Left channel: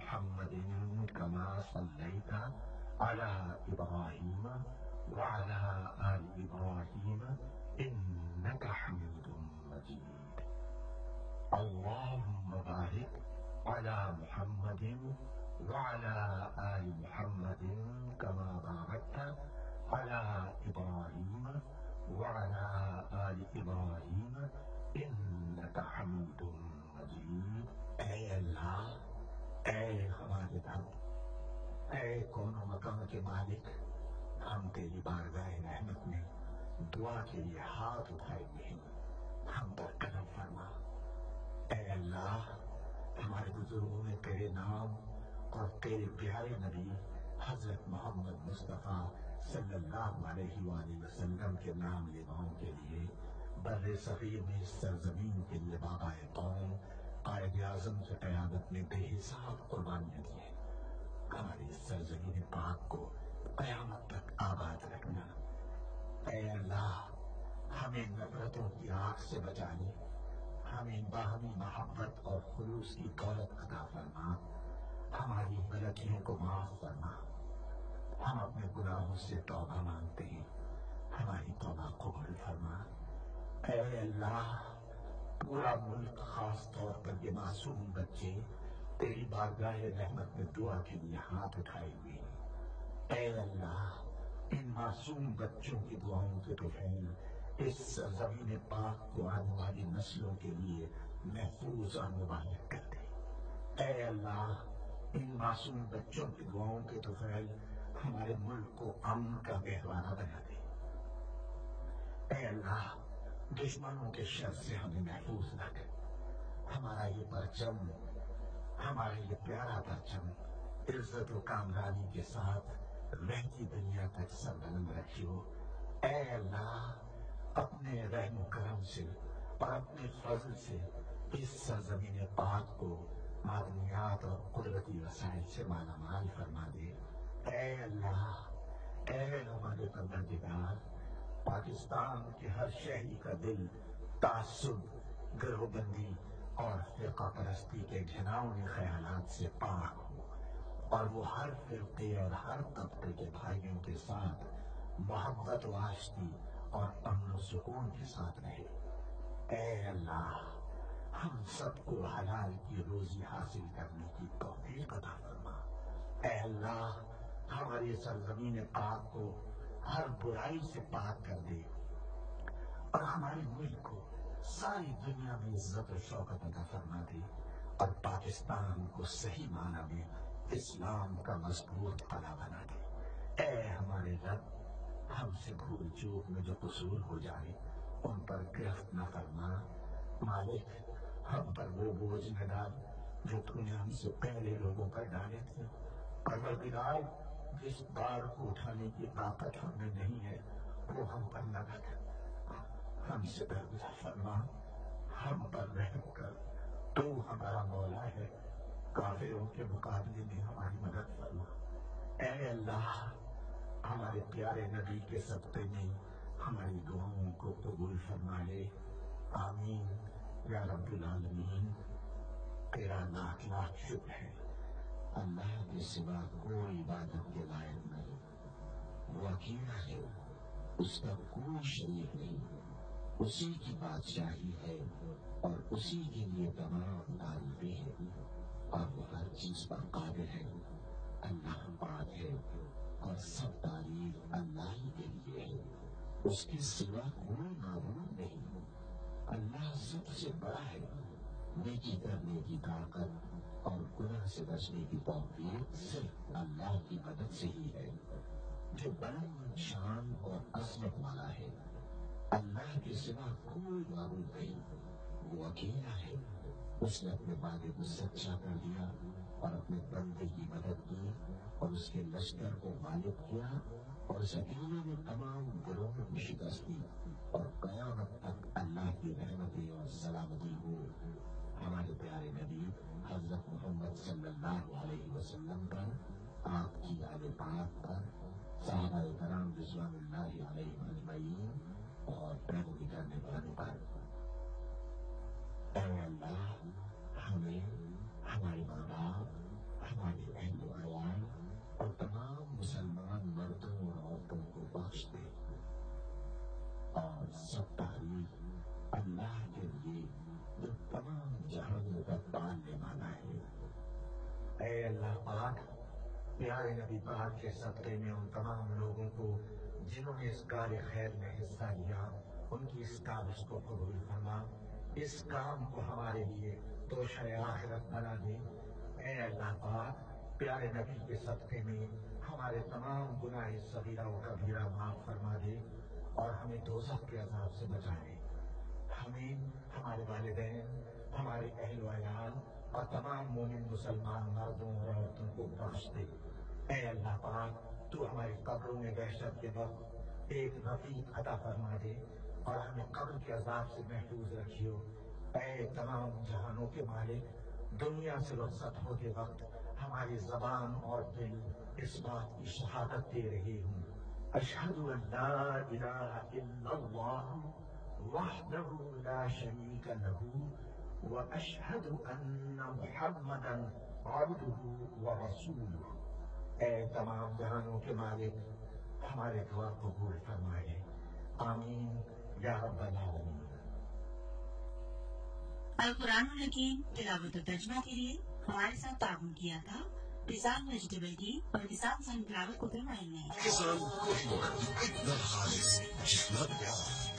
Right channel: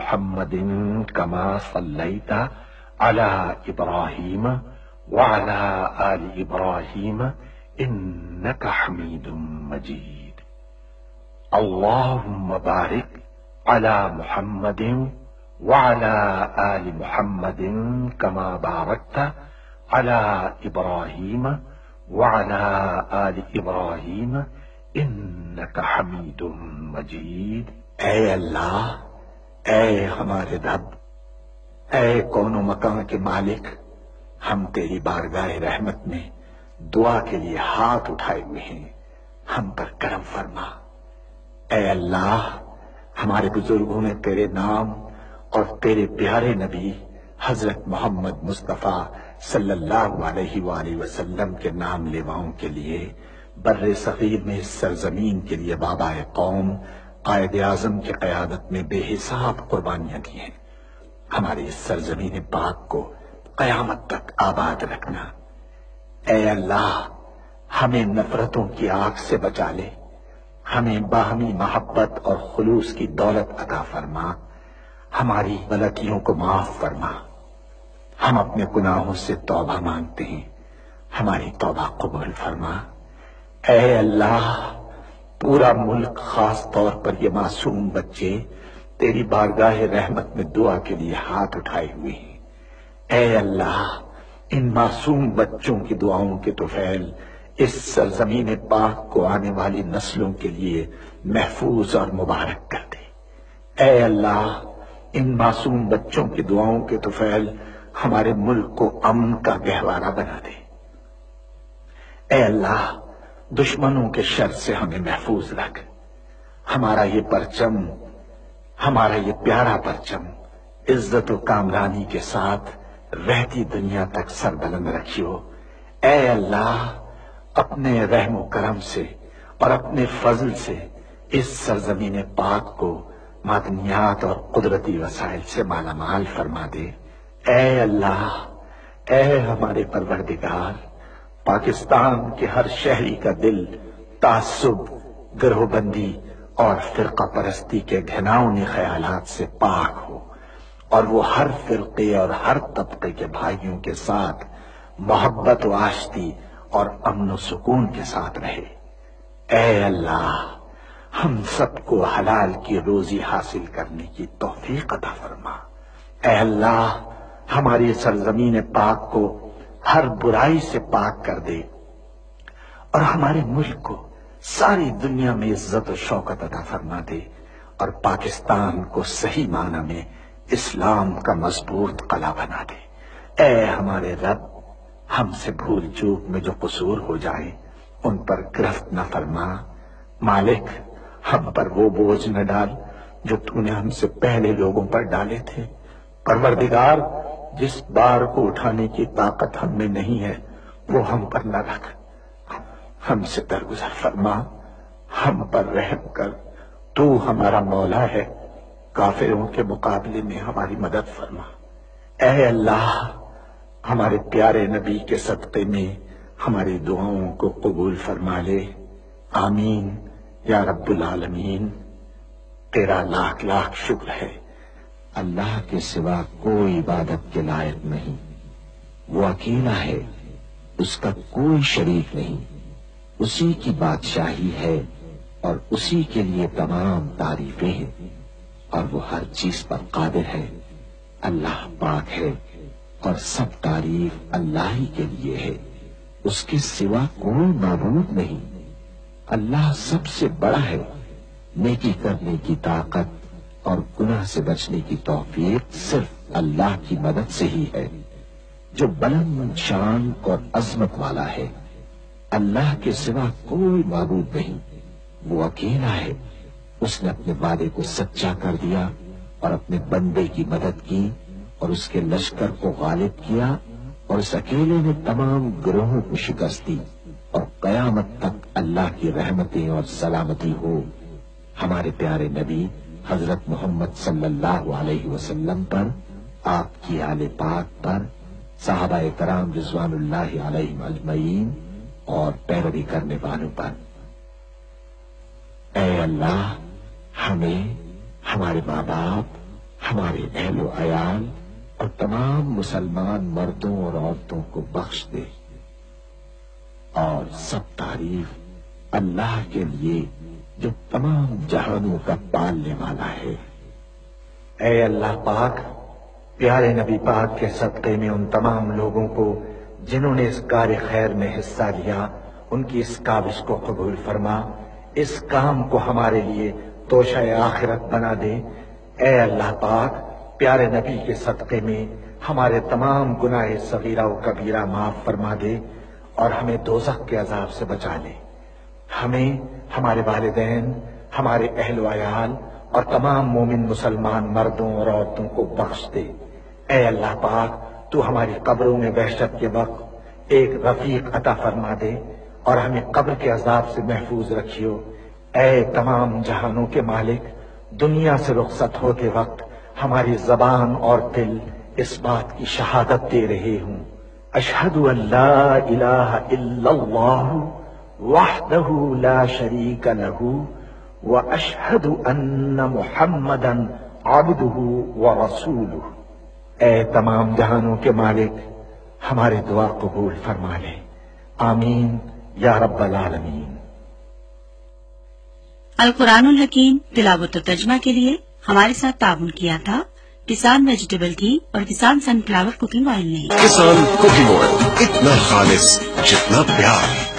محمد كما صليت على إبراهيم وعلى آل إبراهيم إنك حميد مجيد. اللهم بارك على محمد وعلى آل محمد كما باركت على إبراهيم وعلى آل إبراهيم إنك حميد مجيد. اے اللہ، اے ہمارے رب، اے کون و مکان کے مالک، ہم تیری بارگاہ رحمت میں دعا کے لیے ہاتھ اٹھائے ہوئے ہیں، ہم پر کرم فرما۔ اے اللہ، ہمارے بزرگوں نے تیرے نام اور تیرے پیارے نبی حضرت محمد مصطفیٰ صلی اللہ علیہ وآلہ وسلم کے نام لیواؤں کے لیے بر صغیر میں اس سرزمین کے لیے بابا قوم قائد اعظم کی قیادت میں بے حساب قربانیاں دی ہیں۔ ہماری اس سرزمین پاک کو قیامت تک آباد رکھنا۔ اے اللہ، ہمیں نفرتوں کی آگ سے بچا لے، ہمیں باہمی محبت اور خلوص کی دولت عطا فرما، ہماری غلطیوں کو معاف فرما۔ ہم اپنے گناہوں سے توبہ مانگتے ہیں، ہماری توبہ قبول فرما۔ اے اللہ، پورا ملک، خاص طور پر یہ معصوم بچے تیری بارگاہ رحمت میں دعا کے لیے ہاتھ اٹھائے ہوئے ہیں۔ اے اللہ، ان معصوم بچوں کی دعاؤں کے طفیل اس سرزمین پاک کو آنے والی نسلوں کے لیے محفوظ اور مبارک کر دے۔ اے اللہ، ان معصوم بچوں کی دعاؤں کے طفیل ہمارے ملک کو امن کا گہوارہ بنا دے۔ اے اللہ، دشمنوں کے شر سے ہمیں محفوظ رکھ۔ ہمارا یہ پرچم، ہمارا یہ پیارا پرچم عزت و کامرانی کے ساتھ رہتی دنیا تک سربلند رکھیو۔ اے اللہ، اپنے رحم و کرم سے اور اپنے فضل سے اس سرزمین پاک کو معدنیات اور قدرتی وسائل سے مالا مال فرما دے۔ اے اللہ، اے ہمارے پروردگار، پاکستان کے ہر شہری کا دل تعصب، گروہ بندی اور فرقہ پرستی کے گھناؤنے خیالات سے پاک ہو، اور وہ ہر فرقے اور ہر طبقے کے بھائیوں کے ساتھ محبت و آشتی اور امن و سکون کے ساتھ رہے۔ اے اللہ، ہم سب کو حلال کی روزی حاصل کرنے کی توفیق عطا فرما۔ اے اللہ، ہماری سرزمین پاک کو ہر برائی سے پاک کر دے، اور ہمارے ملک کو ساری دنیا میں عزت و شوکت عطا فرما دے، اور پاکستان کو صحیح معنی میں اسلام کا مضبوط قلعہ بنا دے۔ اے ہمارے رب، ہم سے بھول چوک میں جو قصور ہو جائے ان پر گرفت نہ فرما۔ مالک، ہم پر وہ بوجھ نہ ڈال جو تو نے ہم سے پہلے لوگوں پر ڈالے تھے۔ پروردگار، جس بار کو اٹھانے کی طاقت ہم میں نہیں ہے وہ ہم پر نہ رکھ، ہم سے درگزر فرما، ہم پر رحم کر۔ تو ہمارا مولا ہے، کافروں کے مقابلے میں ہماری مدد فرما۔ اے اللہ، ہمارے پیارے نبی کے صدقے میں ہماری دعاؤں کو قبول فرما لے۔ آمین یا رب العالمین۔ تیرا لاکھ لاکھ شکر ہے۔ اللہ کے سوا کوئی عبادت کے لائق نہیں، وہ اکیلا ہے، اس کا کوئی شریک نہیں، اسی کی بادشاہی ہے اور اسی کے لیے تمام تعریفیں ہیں، اور وہ ہر چیز پر قادر ہے۔ اللہ پاک ہے اور سب تعریف اللہ ہی کے لیے ہے، اس کے سوا کوئی معبود نہیں۔ اللہ سب سے بڑا ہے، نیکی کرنے کی طاقت اور گناہ سے بچنے کی توفیق صرف اللہ کی مدد سے ہی ہے، جو بلند شان اور عظمت والا ہے۔ اللہ کے سوا کوئی معبود نہیں، وہ اکیلا ہے۔ اس نے اپنے وعدے کو سچا کر دیا اور اپنے بندے کی مدد کی اور اس کے لشکر کو غالب کیا، اور اس اکیلے نے تمام گروہوں کو شکست دی، اور قیامت تک اللہ کی رحمتیں اور سلامتی ہو ہمارے پیارے نبی حضرت محمد صلی اللہ علیہ وسلم پر، آپ کی آل پاک پر، صحابہ کرام رضوان اللہ علیہم اجمعین اور پیروی کرنے والوں پر۔ اے اللہ، ہمیں، ہمارے ماں باپ، ہمارے اہل و عیال اور تمام مسلمان مردوں اور عورتوں کو بخش دے، اور سب تعریف اللہ کے لیے جو تمام جہانوں کا پالنے والا ہے۔ اے اللہ پاک، پیارے نبی پاک کے صدقے میں ان تمام لوگوں کو جنہوں نے اس کار خیر میں حصہ لیا، ان کی اس کاوش کو قبول فرما، اس کام کو ہمارے لیے توشہ آخرت بنا دے۔ اے اللہ پاک، پیارے نبی کے صدقے میں ہمارے تمام گناہ صغیرہ و کبیرہ معاف فرما دے اور ہمیں دوزخ کے عذاب سے بچا لے۔ ہمیں، ہمارے والدین، ہمارے اہل و عیال اور تمام مومن مسلمان مردوں اور عورتوں کو بخش دے۔ اے اللہ پاک، تو ہماری قبروں میں وحشت کے وقت ایک رفیق عطا فرما دے اور ہمیں قبر کے عذاب سے محفوظ رکھیو۔ اے تمام جہانوں کے مالک، دنیا سے رخصت ہوتے وقت ہماری زبان اور دل اس بات کی شہادت دے رہے ہوں، اشہد ان لا الہ الا اللہ وحدہ لا شریک لہ واشہد ان محمدا عبدہ ورسولہ۔ اے تمام جہانوں کے مالک، ہماری دعا قبول فرما لے، آمین یا رب العالمین۔ القرآن الحکیم تلاوت و ترجمہ کے لیے ہمارے ساتھ تعاون کیا تھا کسان ویجیٹیبل ٹی اور کسان سن فلاور کوکنگ آئل نے۔ کسان کوکنگ آئل، اتنا خالص جتنا پیار۔